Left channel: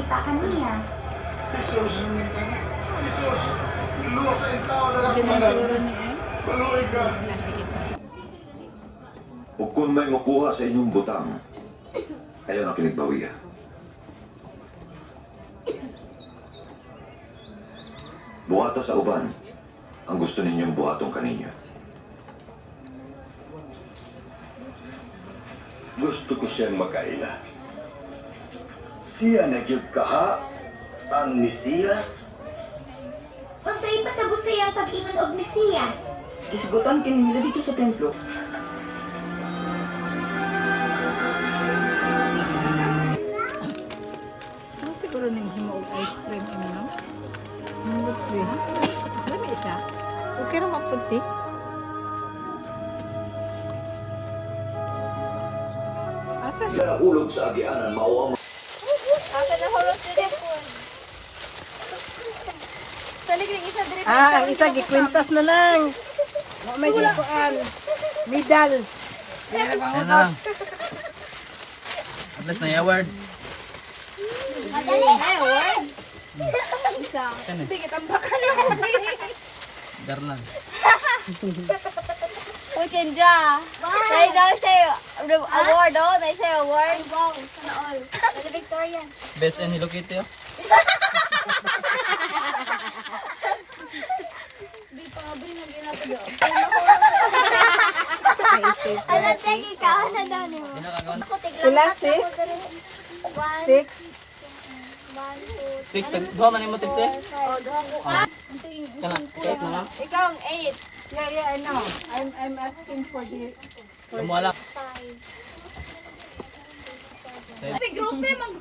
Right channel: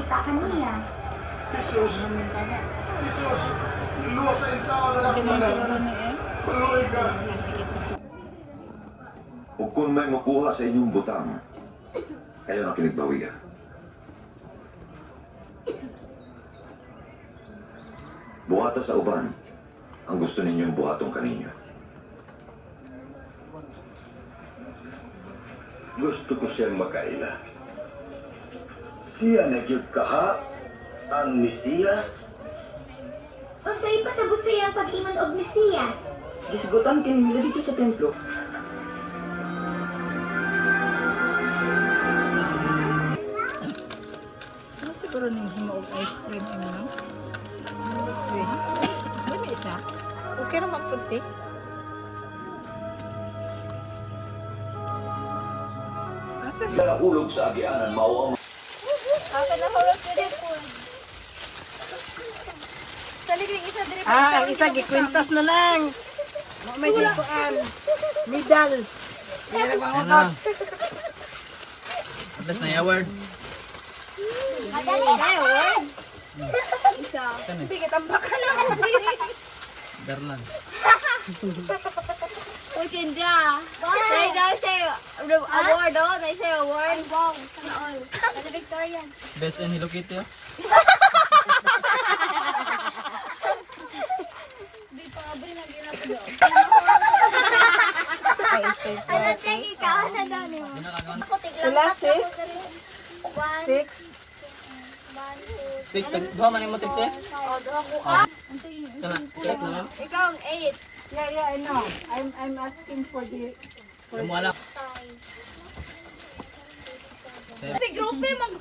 nakita kaniya. Jesus! Jesus! Iluwas ang tao na lang manan. Paluloy ka. O kung may makuha sa inyong butang, kayo na kinigbawiya. Buhata sa uban ang gusto ninyong buhatong kaninyo. Gusto ko siyang makaila. Siya nagyug kaha ang Mesiyas. Unsay pasabot sa iyang pag-ingon og Mesiyas? Gisgutan kini nila dito sa templo. Ano siguro nang himo og ice cream ini? Himo cream. Dili siya. Okay ra maputi. Asa siya? Nahulog sa agianan, mao ang Asa na hulog sa depon? Salig yung isa dire Ah, ang isa gikwintas na lang. Wa may gipuan. Medal. Pero Ayan na. Ablas na yung award. Ay, award. Isa. Kani? Sige, tambakan na. Darlan. Putin dya. May daw siya award, oh. May siya award. Ay, wow. Sana all. Ano Victorian? Best and Hello Kitty, oh. Di pa nga brin ang ginagawa. Alam, sige ka. Ano daw niyo? Ginagawan. Sila, six? 6. 6, duha man yung motik siya. Oh. Kana, kahit na lang. Ikaw ang 8. Yeah, I know. I'm asking for the Lumuala. Grupo, mag